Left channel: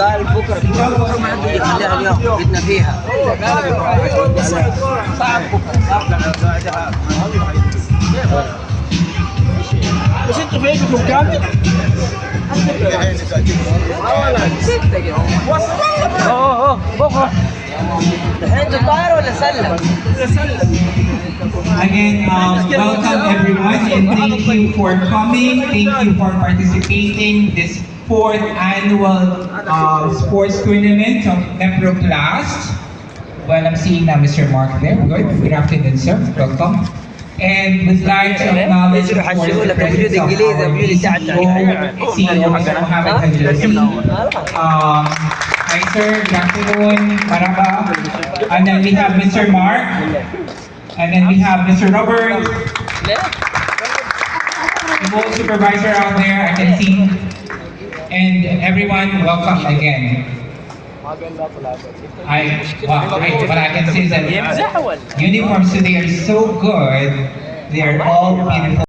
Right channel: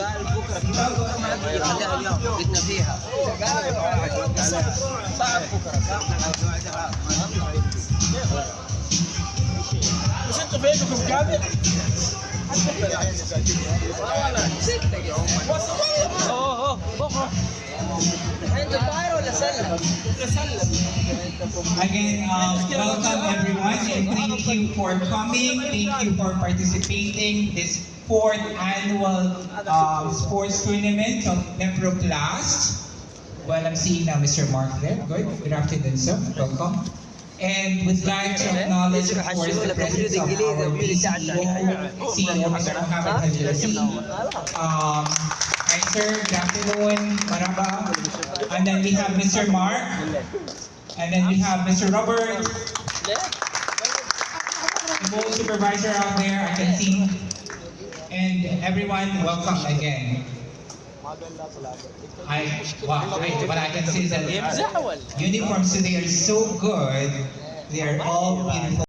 قال بكره ما عندي يخليها اليوم جبنا فيها صعب بكره بس انتوا فيكم كام؟ بكره الحين طاير ولا سلم؟ Again, welcome everyone and thank you for coming. Thank you for participating this fourth annual sports tournament of Nepro Class. Well, I'm seeing now Mr. Mark there. Good afternoon, sir. Welcome. And we'd like to acknowledge, of course, the presence of our CEO, Mr. Mohammed Hajlazi. Hi, sir. Good afternoon. Maraba. And then we have Mr. Mark. And then we have Mr. Robert, the whole supervisor out there, I can see. And everyone, welcome again. What I can say is that uniforms today are so good. They are all beautiful.